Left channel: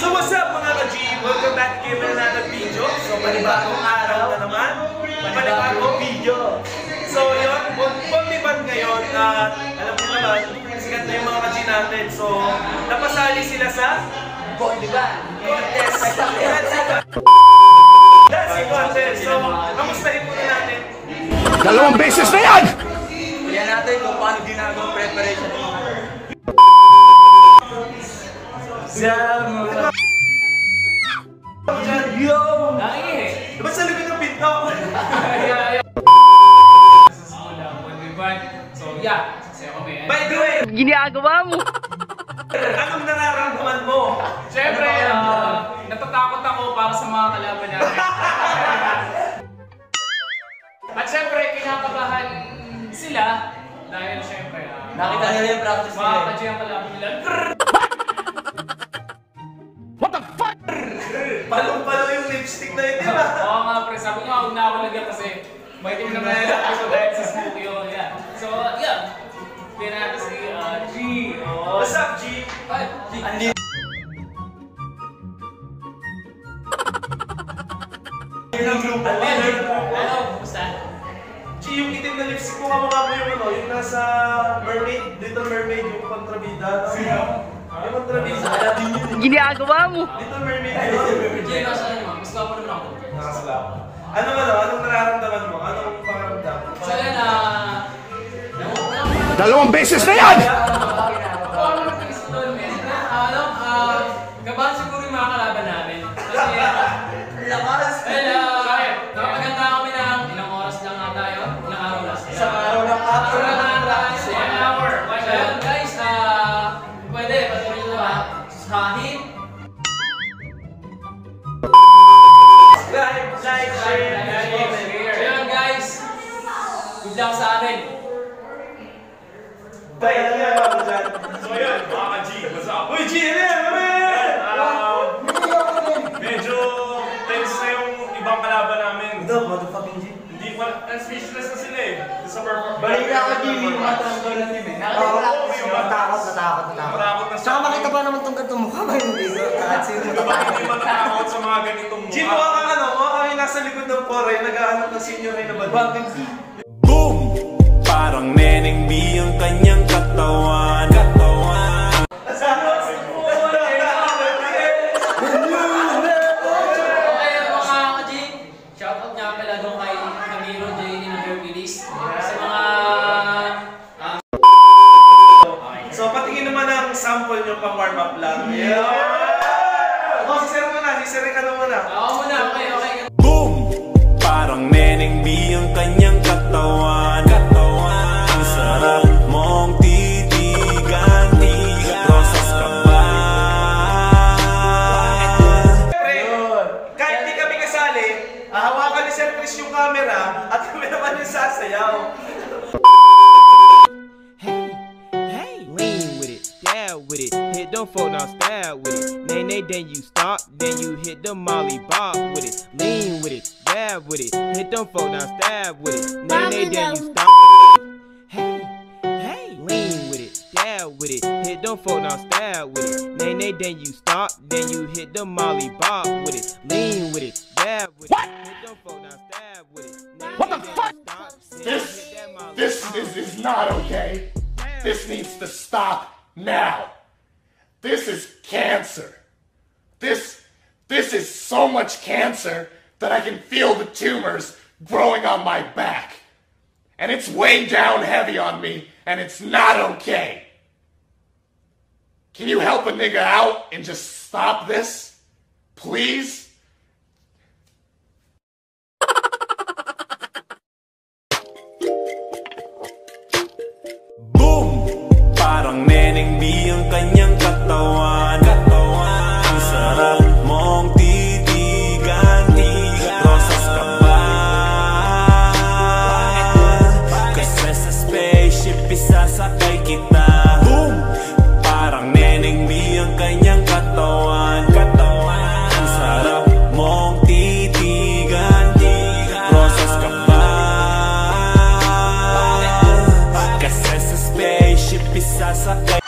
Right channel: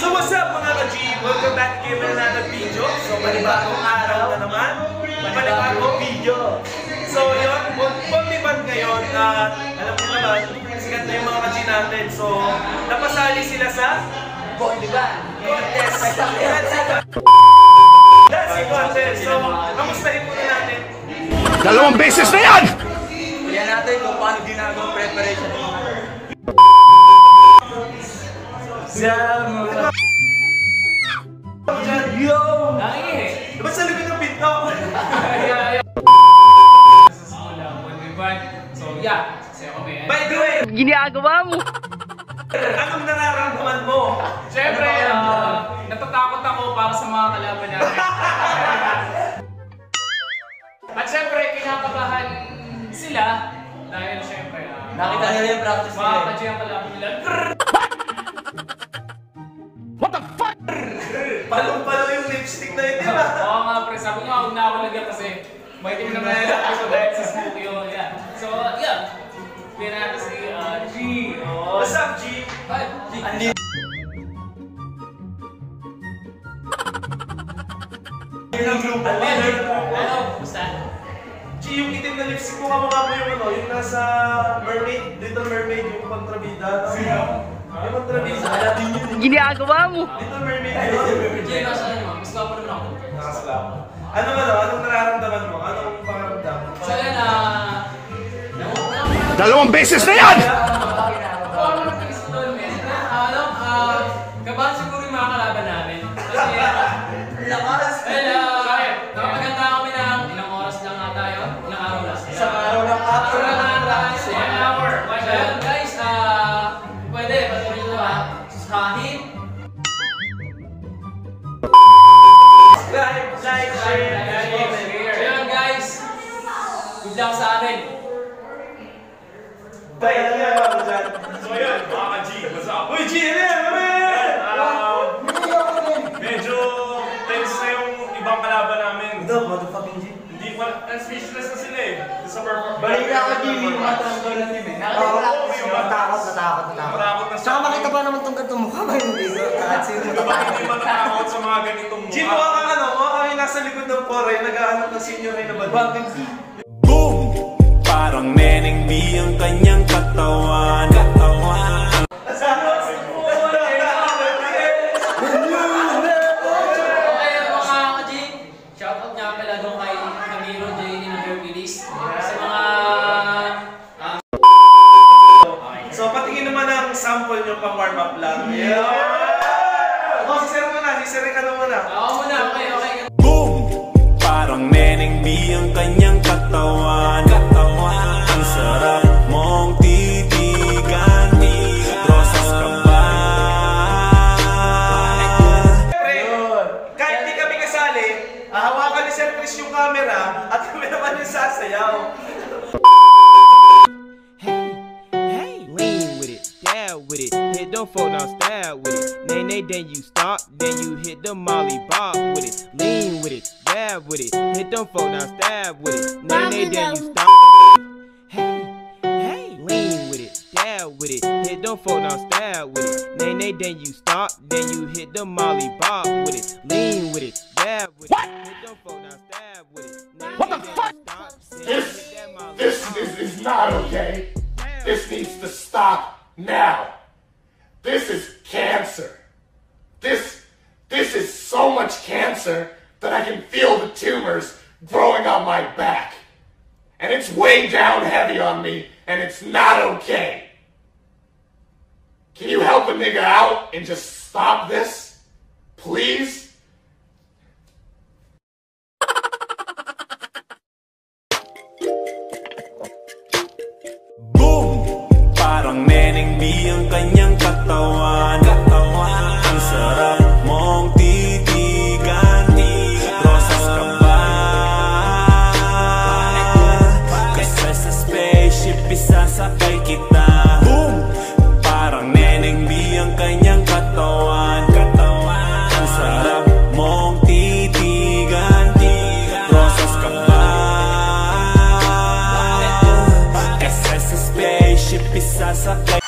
So what's up mga ka-G? Welcome back to another video. So panibagong araw na naman. Panibagong video. So yun, Bombiban ngayon. Alam mo naman, sikat na yung mga ka-G natin. So napasali sila sa Bombiban contest. That's the contest. So kamustahin muna natin. Dalawang beses na yan! Yan natin kung paano ginagawang preparation ng mga Yo! Ba't sa likod ng pinto? So yeah, sa'yo kami. By the way, Ginagawa mo! anong nararamdaman mo? Siyempre, natatakot ako para sa mga kalaban namin. At siyempre, kinakabahan sila dahil siyempre, nakita nila yung practice nila. mga ka-G ang kalaban nila. What the fuck? Palong-palo yung lipstick na yun, di ba? Oo nga, pre. Sabi nga, huwag na ako lagyan kasi may team naman na nilagay ko dahil sa smoky yun. Yeah. So, yeah. Kaya natin si G. What's up, G? Andi. Hello, kumusta? G, yung itim na lipstick mo, kamukha mo yung ano, yung nasa Mermaid, Little Mermaid, yung kontrabida. Yung kontrabida. Ginagawa mo! Little Mermaid yun. G, nasa ano naman? Mas gwapo naman ako. Nakasalama. Anong nararamdaman mo? Anong pangaramdam? So, yan, Dalawang beses na yan! kabahan siguro yung mga kalaban namin. Kasi, Lakas! nakapaganda kami ng ilang oras lang nga tayo. Ilang araw lang. Isang araw lang ako. 1 hour. Ayun, guys, pwede, patuloy nyo ba? Sahid. Like, share, comment. Ayun, guys. Good luck sa atin. Tayo na yan ako dyan. So yun, mga ka-G, what's up? Uy, G, ano yan? Ano yan? Medyo tense na yung ibang kalaban namin. Ito, motherfucking G. Hindi, speechless na sila eh. Sa performance. Balik na ako, Jimmy, yung matranggal na team eh. Natakot. Matakot na Saka makita pa naman itong ganitong mukha ba hindi ko? Kahit sino Hindi ba hindi matatakot sa mga ganitong G, mukha kang ano, mukha kang nasa likod ng pore, nag-aanap ng senior ay nabad. Boom! Parang Neneng B ang kanyang katawan. Okay, mga ka-G. Shoutout nga pala doon kay Camilo J. ng Hercules. Sa mga... So, patingin naman ang sample nyo pang warm up lang. Yeah! Oh, si Sir muna, ano muna. Ako muna, okay. Boom! Parang Neneng B ang kanyang katawan. Ang sarap mong titigan. Rosas ka ba? Kahit di kami kasali, hawakan ni Sir Chris yung camera at kami naman yung sasayaw. Hey, lean with it, dab with it, hit them folk now stab with it. Nay, then you stop, then you hit the molly bob with it. Lean with it, dab with it, hit them folk now stab with it. Nay, then you stop. Hey, lean with it, dab with it, hit them folk now stab with it. Nay, then you stop, then you hit the molly bob with it. Lean with it, dab with it, hit them folk now stab with it. What the fuck? This is not okay. This needs to stop now. This is cancer. This is so much cancer that I can feel the tumors growing on my back. And it's weighing down heavy on me, and it's not okay. Can you help a nigga out and just stop this? Please? Boom! Parang Neneng B ang kanyang katawan. Ang sarap mong titigan. Rosas ka ba? Kasi sa spaceship isasakay kita. Boom! Parang Neneng B ang kanyang katawan. Ang sarap mong titigan. Rosas ka ba? Kasi sa spaceship isasakay.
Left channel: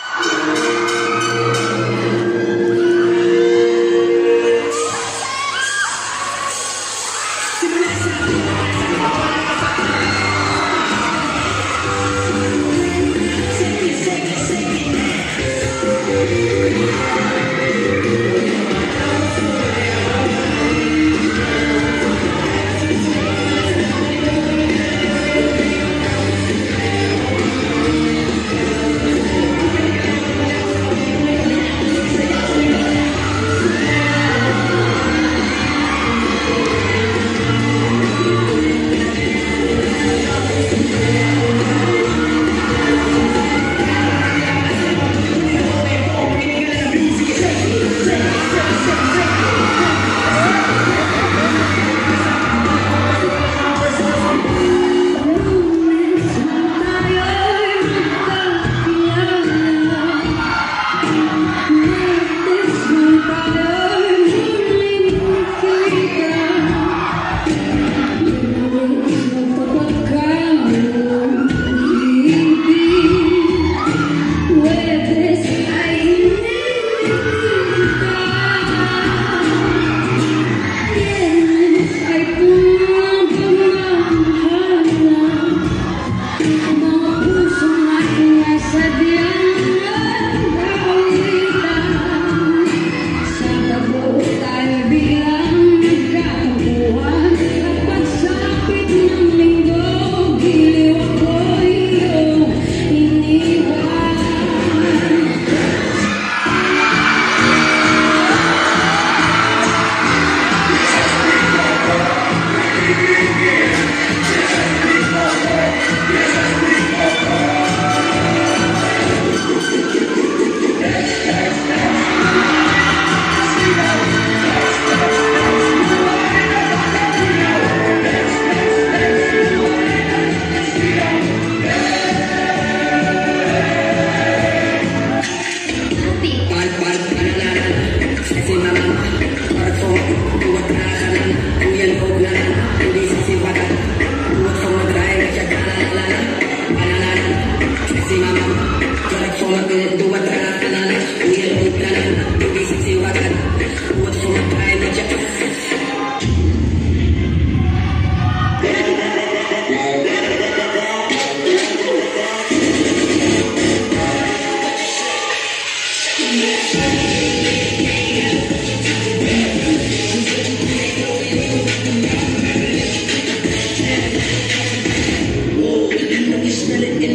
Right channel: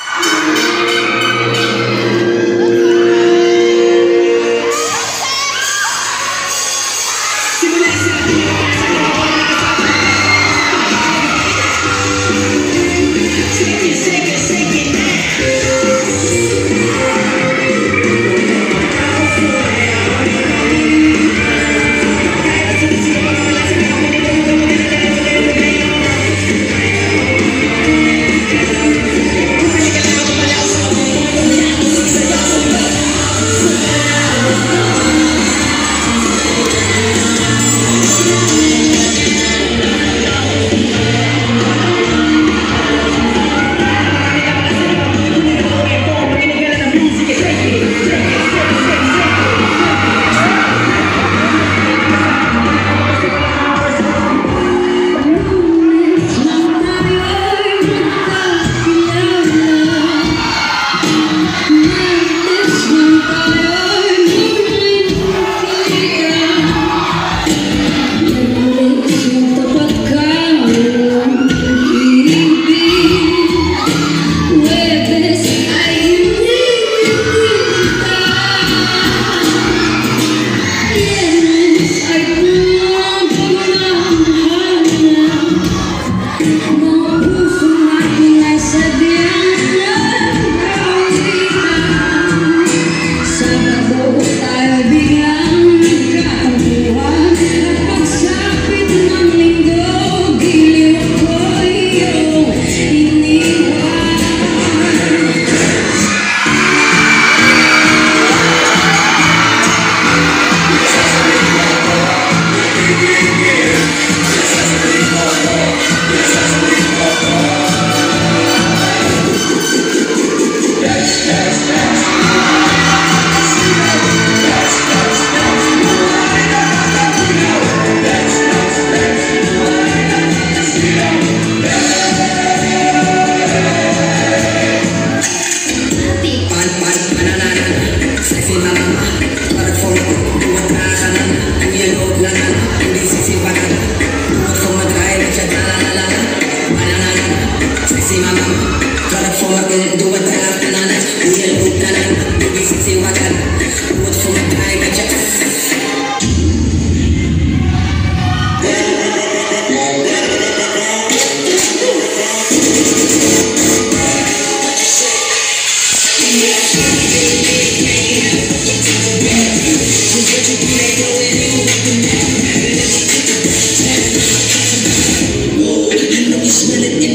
Okay,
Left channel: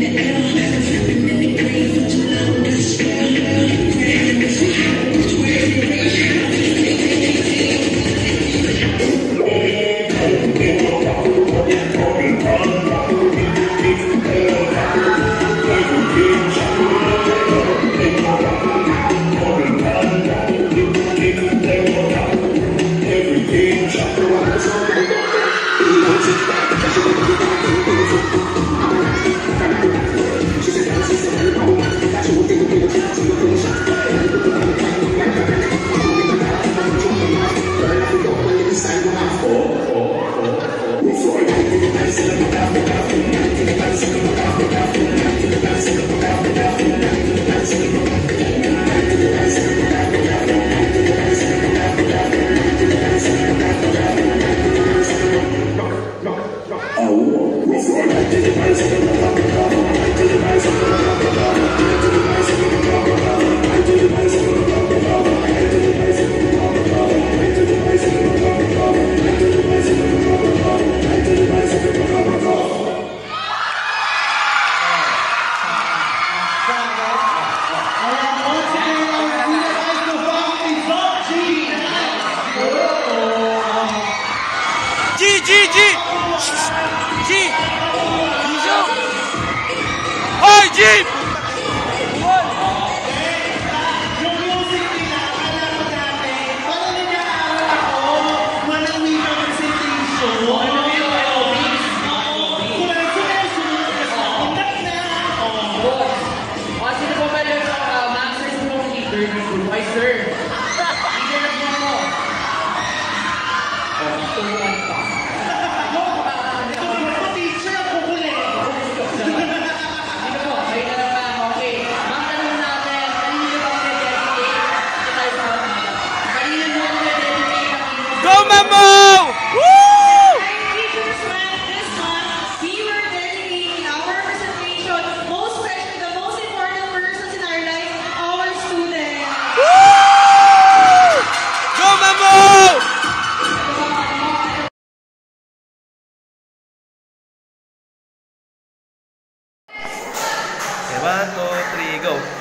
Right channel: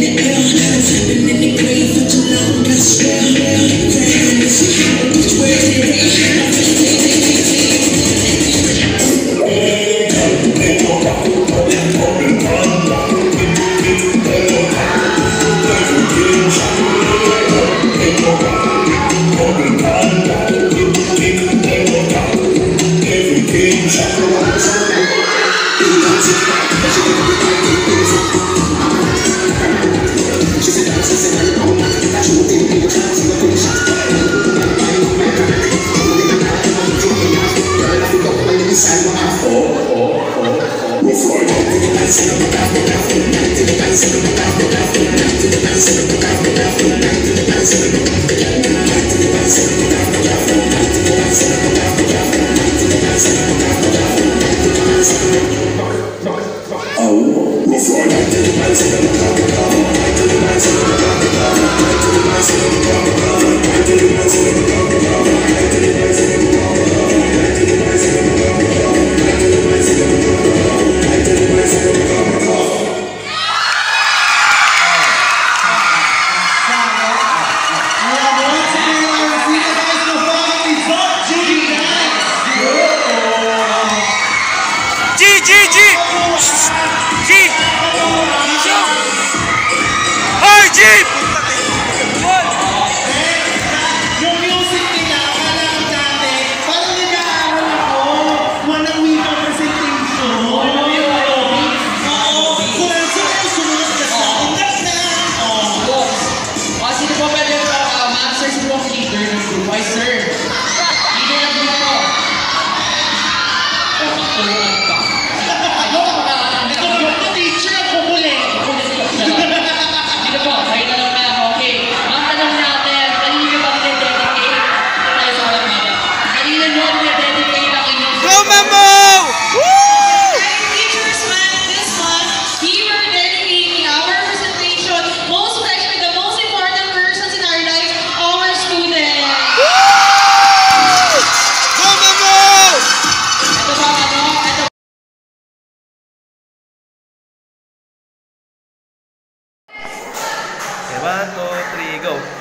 1, 2, 3, go.